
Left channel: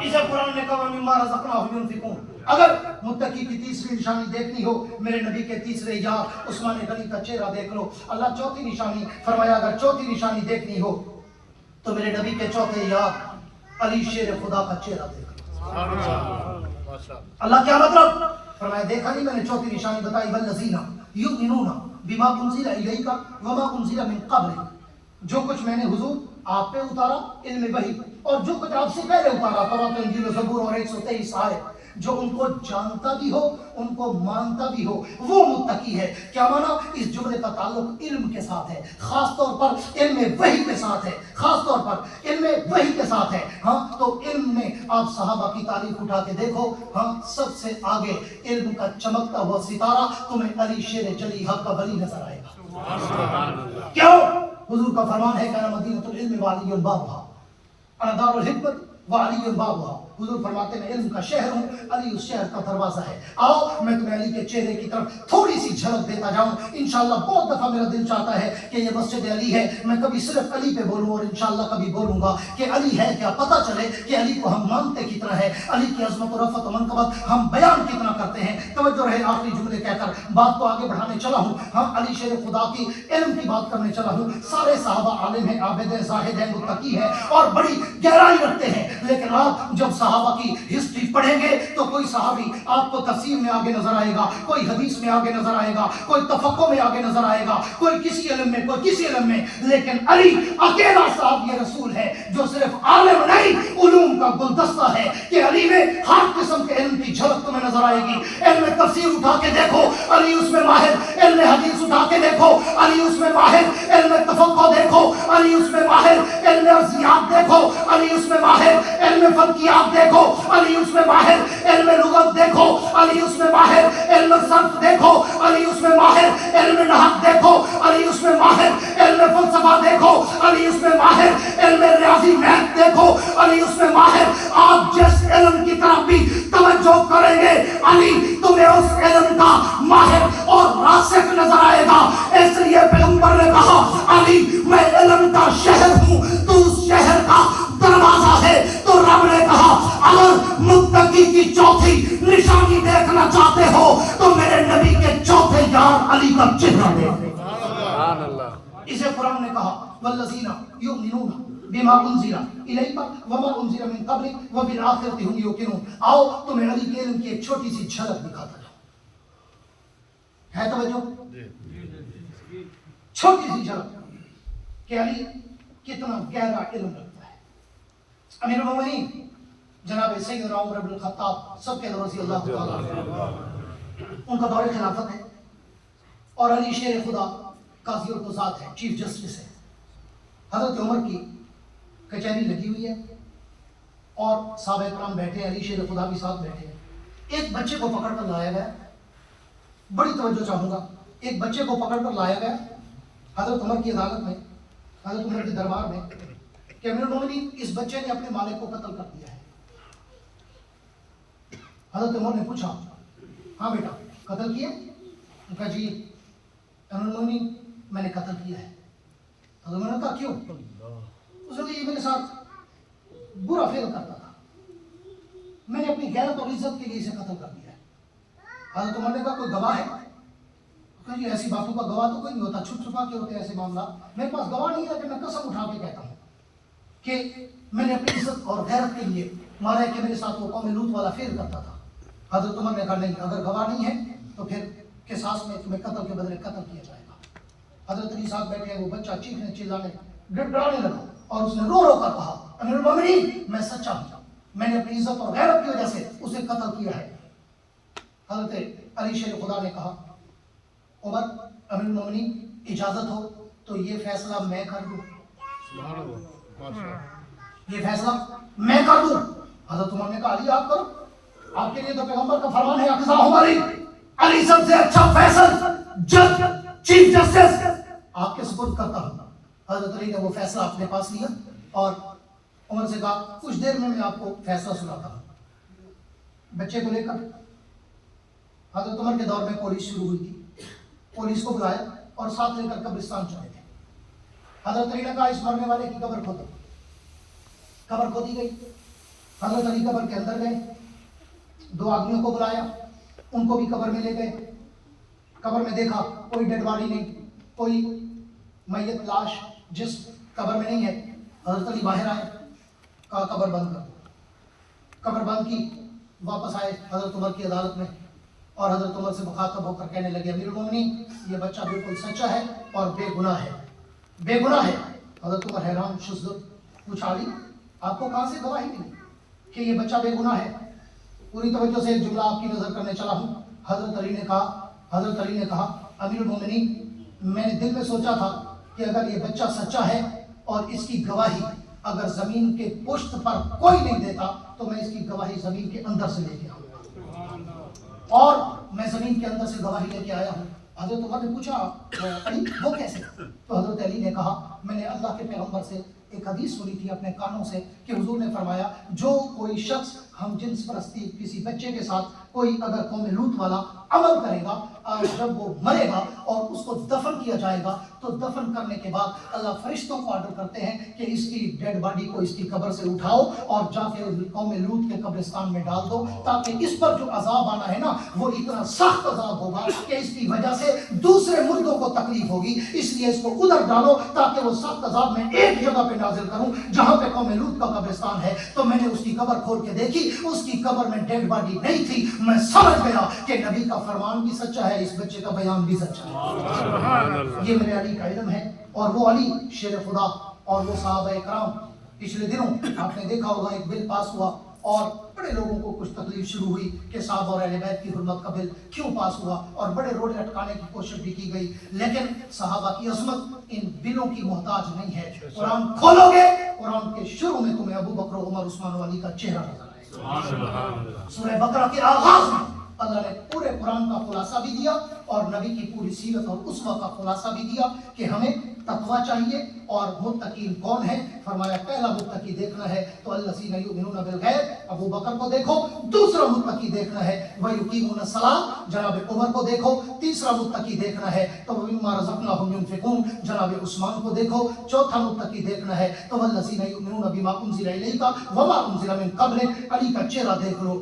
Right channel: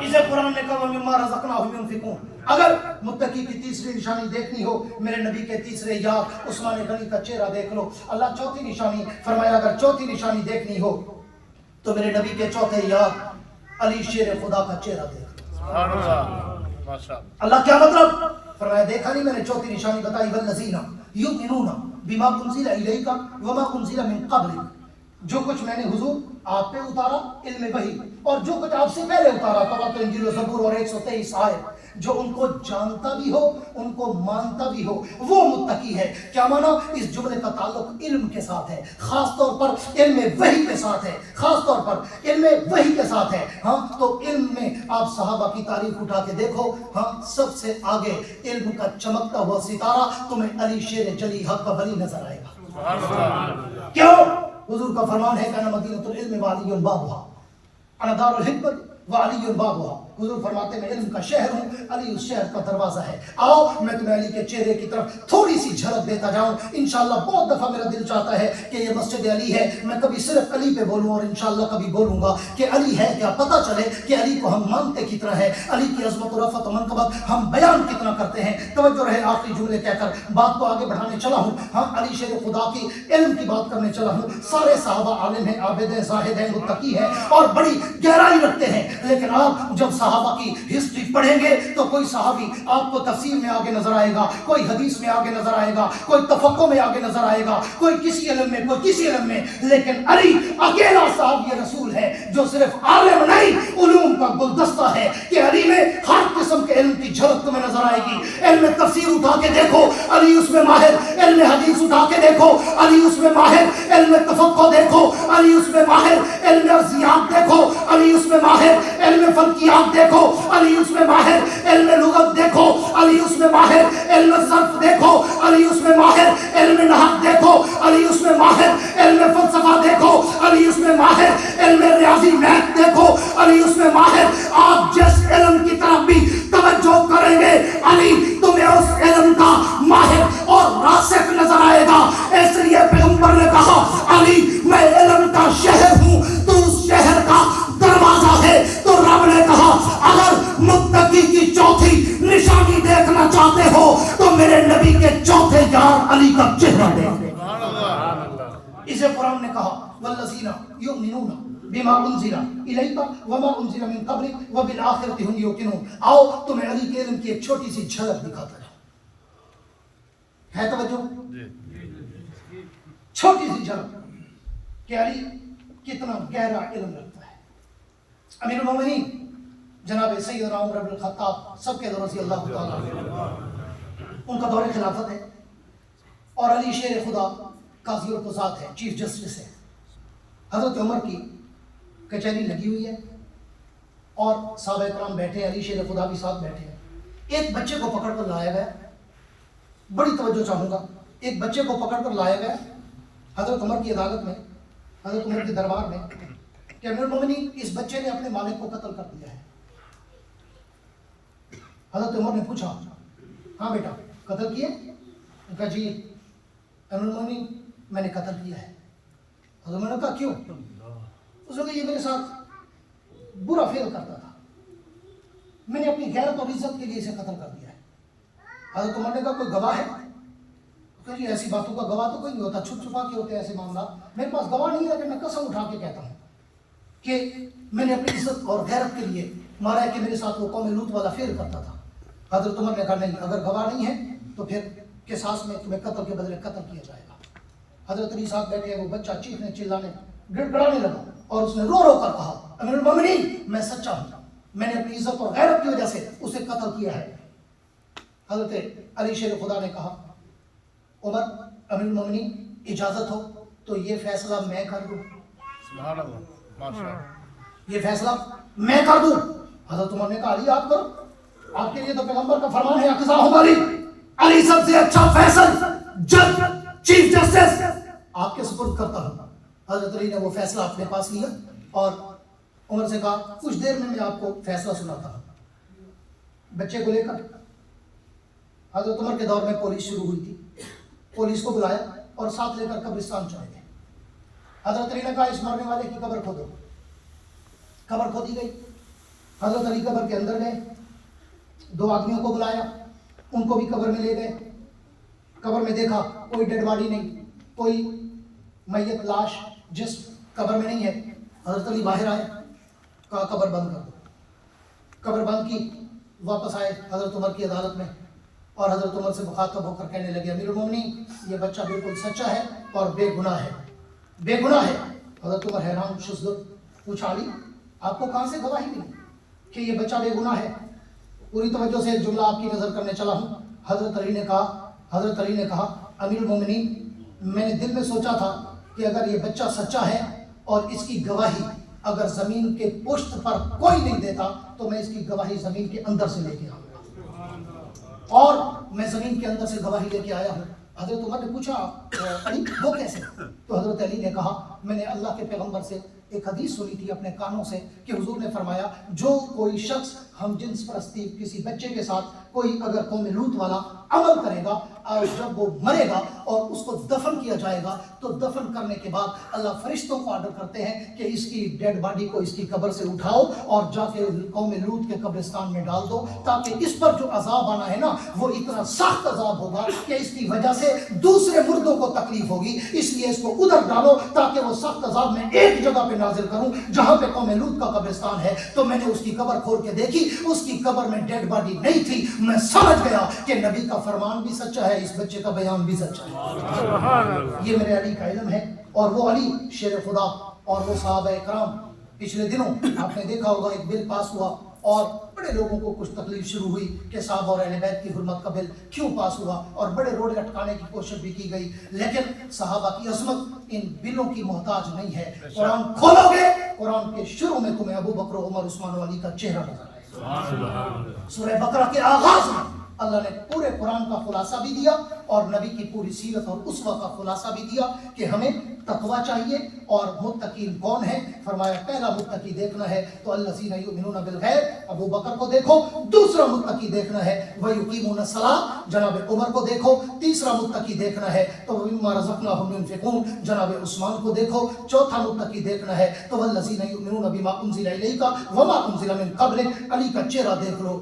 इसे कुरान ने कहा मिम्मा रज़क़नाहुम युनफ़िक़ून। अगर मुत्तकी की तीसरी निशानी देखनी हो, मेरे नबी के तीसरे यार उस्मान गनी का चेहरा देख लो। अल्लाह चौथी निशानी फरमाया अगर चौथी निशानी देखनी हो तो मेरे नबी के चौथे यार अली शेर खुदा का चेहरा देख लो। अल्लाह क्या मतलब? फरमाया देखा नहीं मैंने चौथी निशानी बताई वल्लज़ीना युमिनूना बिमा उनज़िला इलैका वमा उनज़िला मिन क़ब्लिक। जो कुछ मैंने हुजूर आप पे उतारा इल्म वही और जो कुछ आपसे पहले उतारा तौरात इंजील ज़बूर और 123 आयत, जो उनको जानता भी हो उनको मानता भी हो वो मुत्तकी है। क्या माना? इस जुमले का ताल्लुक इल्म के साथ है, खास तौर पर इल्म वही के साथ है, खास तौर पर इल्म वही के साथ है। हाँ, तो इल्म में आप सहाबा की तारीफ उठा के देखो, हाँ सबसे आगे इल्म का चमकता हुआ सितारा तुम्हें अली शेर जली हक का वली नजर आएगा। क्यों? हुजूर का फरमान है कि अना मदीनतुल इल्म व अलियुन बाबुहा, अना दारुल हिकमत व अलियुन बाबुहा। حضور فرماتے میں علم کا شہر ہوں، علی اس شہر کا دروازہ ہے. آؤ میں تمہیں علی کے چہرے کی طرف تھوڑی سی جھلک دیتا جاؤں. انشاءاللہ بہت دفعہ میرا دل چاہتا ہے کہ یہ مسجد علی ہے، میں کبھی صرف علی پہ بولوں، اور انشاءاللہ کبھی بولوں گا کہ علی ہے کیا، پتہ چلے کہ علی کو ہم مانتے کتنا ہے، علی کی عظمت و رفعت و منقبت ہم بیان کتنا کرتے ہیں. توجہ رہے آخری جملے کہہ کر بات کو آگے بڑھانے چلا ہوں. ہم علی شیر خدا کی علم کی بات کرنے چلا ہوں. سارے صحابہ عالم ہیں، عابد ہیں، زاہد ہیں، متقی ہیں اور بڑی گہرائی رکھتے ہیں. لیکن آپ جب صحابہ کی ہسٹری پڑھیں گے تو کوئی صحابی آپ کو تفسیر میں آگے نظر آئے گا، کوئی حدیث میں آگے نظر آئے گا، کوئی تفقہ میں آگے نظر آئے گا، کوئی کسی علم میں، کوئی کسی علم میں. لیکن علی اکیلا صاحب یہ رسول ہے جو صرف عالم نہیں، علوم کا گلدستہ ہے کہ علی میں ہر قسم کے علم کی جھلک تمہیں نظر آئے گی. علم تفسیر اٹھا کے دیکھو، علی اس میں ماہر. علم حدیث اٹھا کے دیکھو، علی اس میں ماہر. علم تفقہ دیکھو، علی اس میں ماہر. علم ارضیات دیکھو، علی اس میں ماہر. علم فلکیات دیکھو، علی اس میں ماہر. علم لغت دیکھو، علی اس میں ماہر. علم صرف دیکھو، علی اس میں ماہر. علم نحو دیکھو، علی اس میں ماہر. علم فلسفہ دیکھو، علی اس میں ماہر. علم ریاضی میتھ دیکھو، علی اس میں ماہر. آپ جس علم کی طرف بھی توجہ کریں گے، علی تمہیں اس علم کا ماہر اور راسخ نظر آئے گا. اس لیے پیغمبر نے کہا علی میں علم کا شہر ہوں، تو اس شہر کا دروازہ ہے. تو رب نے کہا اگر متقی کی چوتھی نشانی دیکھنا چاہتے ہو تو میرے نبی کے چوتھے یار علی کا چہرہ دیکھو. اسے قرآن نے کہا والذین یؤمنون بما انزل الیک وما انزل من قبلک وبالآخرۃ هم یوقنون. آؤ تمہیں علی کے علم کی ایک چھوٹی سی جھلک دکھاتا ہے توجہ، چھوٹی سی جھلک کہ علی کتنا گہرا علم رکھتا ہے. امیر المومنین جناب سیدنا عمر بن الخطاب سب کے رضی اللہ تعالیٰ عنہ، ان کا دور خلافت ہے اور علی شیر خدا قاضی اور قضات ہے، چیف جسٹس ہے. حضرت عمر کی کچہری لگی ہوئی ہے اور صحابہ کرام بیٹھے، علی شیر خدا بھی ساتھ بیٹھے ہیں. ایک بچے کو پکڑ کر لایا گیا، بڑی توجہ چاہوں گا، ایک بچے کو پکڑ کر لایا گیا حضرت عمر کی عدالت میں، حضرت عمر کے دربار میں کہ امیر المومنین اس بچے نے اپنے مالک کو قتل کر دیا ہے. حضرت عمر نے پوچھا ہاں بیٹا قتل کیے؟ ان کا جی امیر المومنین میں نے قتل کیا ہے. حضرت عمر نے کہا کیوں؟ اس نے کہا یہ میرے ساتھ برا فعل کرتا تھا، میں نے اپنی غیرت اور عزت کے لیے اسے قتل کر دیا ہے. حضرت عمر نے کہا کوئی گواہ ہے؟ کہ جی ایسی باتوں کا گواہ تو کوئی نہیں ہوتا، چھپ چھپا کے ہوتے ایسے معاملات. میرے پاس گواہ نہیں ہے لیکن میں قسم اٹھا کے کہتا ہوں کہ میں نے اپنی عزت اور غیرت کے لیے مانا ہے کہ میرے ساتھ وہ قوم لوط والا فعل کرتا تھا. حضرت عمر نے کہا نہیں، اگر گواہ نہیں ہے تو پھر قصاص میں تمہیں قتل کے بدلے قتل کیا جائے گا. حضرت علی صاحب بیٹھے، وہ بچہ چیخنے چلانے گڑ گڑانے لگا اور اس نے رو رو کر کہا امیر المومنین میں سچا ہوں، میں نے اپنی عزت اور غیرت کی وجہ سے اسے قتل کیا ہے. حضرت علی شیر خدا نے کہا عمر امیر المومنین اجازت ہو تو یہ فیصلہ میں کر دوں. سبحان اللہ، ماشاء اللہ. یہ فیصلہ میں کر دوں. حضرت عمر نے کہا علی آپ کرو، آپ کے لیے تو پیغمبر کا فرمان ہے اقضاء علی، علی سب سے اچھا فیصل جج چیف جسٹس آپ کے سپرد کرتا ہوں. حضرت علی نے وہ فیصلہ اپنے پاس لیا اور عمر سے کہا کچھ دیر میں آپ کو فیصلہ سناتا ہوں. بچے کو لے کر حضرت عمر کے دور میں پولیس شروع ہوئی تھی، پولیس کو بلایا اور ساتھ لے کر قبرستان چلے گئے. حضرت علی نے کہا اس مرنے والے کی قبر کھودو. قبر کھودی گئی. حضرت علی قبر کے اندر گئے، دو آدمیوں کو بلایا، ان کو بھی قبر میں لے گئے. قبر میں دیکھا کوئی ڈیڈ باڈی نہیں، کوئی میت لاش جس قبر میں نہیں ہے. حضرت علی باہر آئے، کہا قبر بند کر دو. قبر بند کی، واپس آئے حضرت عمر کی عدالت میں اور حضرت عمر سے مخاطب ہو کر کہنے لگے امیر المومنین یہ بچہ بالکل سچا ہے اور بے گناہ ہے، بے گناہ ہے. حضرت عمر حیران شدت پوچھا علی آپ کو کہاں سے گواہی ملی کہ یہ بچہ بے گناہ ہے؟ پوری توجہ سے ایک جملہ آپ کی نظر کرنے چلا ہوں. حضرت علی نے کہا امیر المومنین میں نے دل میں سوچا تھا کہ اگر یہ بچہ سچا ہے اور اس کی گواہی اگر زمین کے پشت پر کوئی نہیں دیتا تو میں اس کی گواہی زمین کے اندر سے لے کے آؤں گا، اور میں زمین کے اندر سے گواہی لے کے آیا ہوں. حضرت عمر نے پوچھا علی وہ کیسے؟ تو حضرت علی نے کہا میں نے اللہ کے پیغمبر سے ایک حدیث سنی تھی اپنے کانوں سے کہ حضور نے فرمایا جو کوئی شخص ہم جنس پرستی کسی بچے کے ساتھ کوئی اگر قوم لوط والا عمل کرے گا اور جب وہ مرے گا اور اس کو دفن کیا جائے گا تو دفن کرنے کے بعد اللہ فرشتوں کو آرڈر کرتے ہیں کہ اس کی ڈیڈ باڈی کو اس کی قبر سے اٹھاؤ اور جا کے قوم لوط کے قبرستان میں ڈال دو تاکہ اس پر جو عذاب آنا ہے نا وہ اتنا سخت عذاب ہوگا کہ اس کی وجہ سے دوسرے مردوں کو تکلیف ہوگی، اس لیے اس کو ادھر ڈالو تاکہ وہ سخت عذاب میں ایک جگہ پہ نازل کروں جہاں پہ قوم لوط کا قبرستان ہے۔ تو میں نے اس کی قبر کھول کے دیکھی، اس کی قبر میں ڈیڈ باڈی نہیں تھی۔ میں سمجھ گیا کہ نبی کا فرمان بھی سچا ہے، اس بچے کا بیان بھی سچا ہے۔ یہ میرے علی کا علم ہے، اور وہ علی شیر خدا اور وہ صحابہ اکرام۔ پچھلے دنوں آپ نے دیکھا ہوگا ایک بل پاس ہوا اور بڑے لوگوں کو کچھ تکلیف شروع ہوئی کہ صحابہ اور اہل بیت کی حرمت کا بل کیوں پاس ہوا، اور بڑے روڑے اٹکانے کی کوشش بھی کی گئی، لیکن صحابہ کی عظمت ان بلوں کی محتاج نہیں ہے۔ قرآن کھولو گے، قرآن کے شروع میں تمہیں ابو بکر، عمر، عثمان و علی کا چہرہ نظر آئے گا۔ سورہ بقرہ کے آغاز میں اللہ نے پورے قرآن کا خلاصہ بھی دیا اور نبی کی پوری سیرت اور اسوہ کا خلاصہ بھی دیا کہ ہمیں تقوی چاہیے اور متقین کون ہیں۔ فرمایا پہلا متقی دیکھنا ہے تو الذین یؤمنون بالغیب، ابو بکر کو دیکھو۔ دوسرا متقی دیکھنا ہے ویقیمون الصلاۃ، جناب عمر کو دیکھو۔ تیسرا متقی دیکھنا ہے تو مما رزقناہم ينفقون، جناب عثمان کو دیکھو۔ چوتھا متقی دیکھنا ہے تو والذین یؤمنون بما انزل الیک وما انزل من قبلک، علی کا چہرہ دیکھ لو۔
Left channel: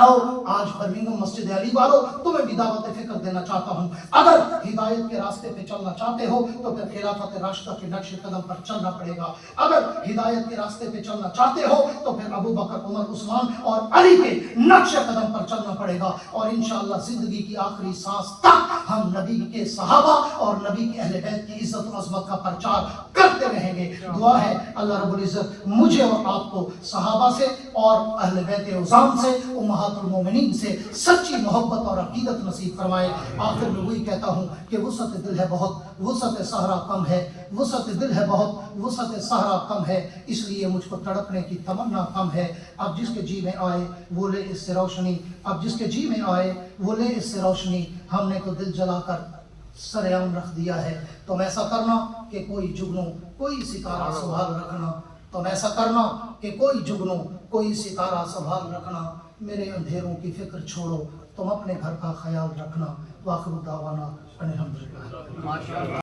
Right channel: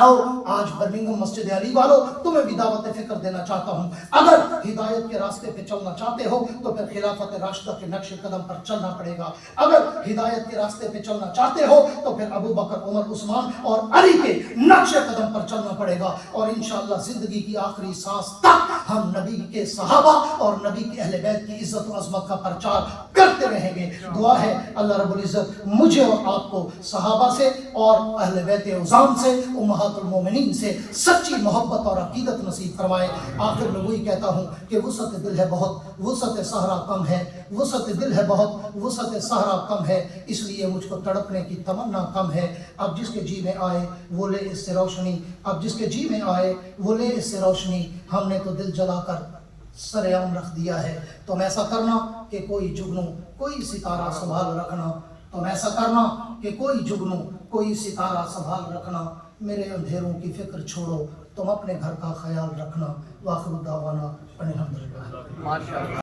آؤ آج برمنگھم مسجد علی والوں تمہیں بھی دعوت فکر دینا چاہتا ہوں، اگر ہدایت کے راستے پہ چلنا چاہتے ہو تو پھر خلافت راشدہ کے نقش قدم پر چلنا پڑے گا۔ اگر ہدایت کے راستے پہ چلنا چاہتے ہو تو پھر ابو بکر، عمر، عثمان اور علی کے نقش قدم پر چلنا پڑے گا، اور انشاءاللہ زندگی کی آخری سانس تک ہم نبی کے صحابہ اور نبی کے اہل بیت کی عزت و عظمت کا پرچار کرتے رہیں گے۔ دعا ہے اللہ رب العزت مجھے اور آپ کو صحابہ سے اور اہل بیت عظام سے، امہات المومنین سے سچی محبت اور عقیدت نصیب فرمائے۔ آخر میں وہی کہتا ہوں کہ وسعت دل ہے بہت، وسعت صحرا کم ہے، وسعت دل ہے بہت، وسعت صحرا کم ہے، اس لیے مجھ کو تڑپنے کی تمنا کم ہے۔ اب جس کے جی میں آئے وہ لے اس سے روشنی، اب جس کے جی میں آئے وہ لے اس سے روشنی، ہم نے تو دل جلا کر سر عام رکھ دیا ہے۔ تم ایسا کرنا کہ کوئی جگنو کوئی ستارہ سنبھال رکھنا، تم ایسا کرنا کہ کوئی جگنو کوئی ستارہ سنبھال رکھنا، میرے اندھیروں کی فکر چھوڑو، تم اپنے گھر کا خیال رکھنا۔ وآخر دعوانا ان الحمدللہ۔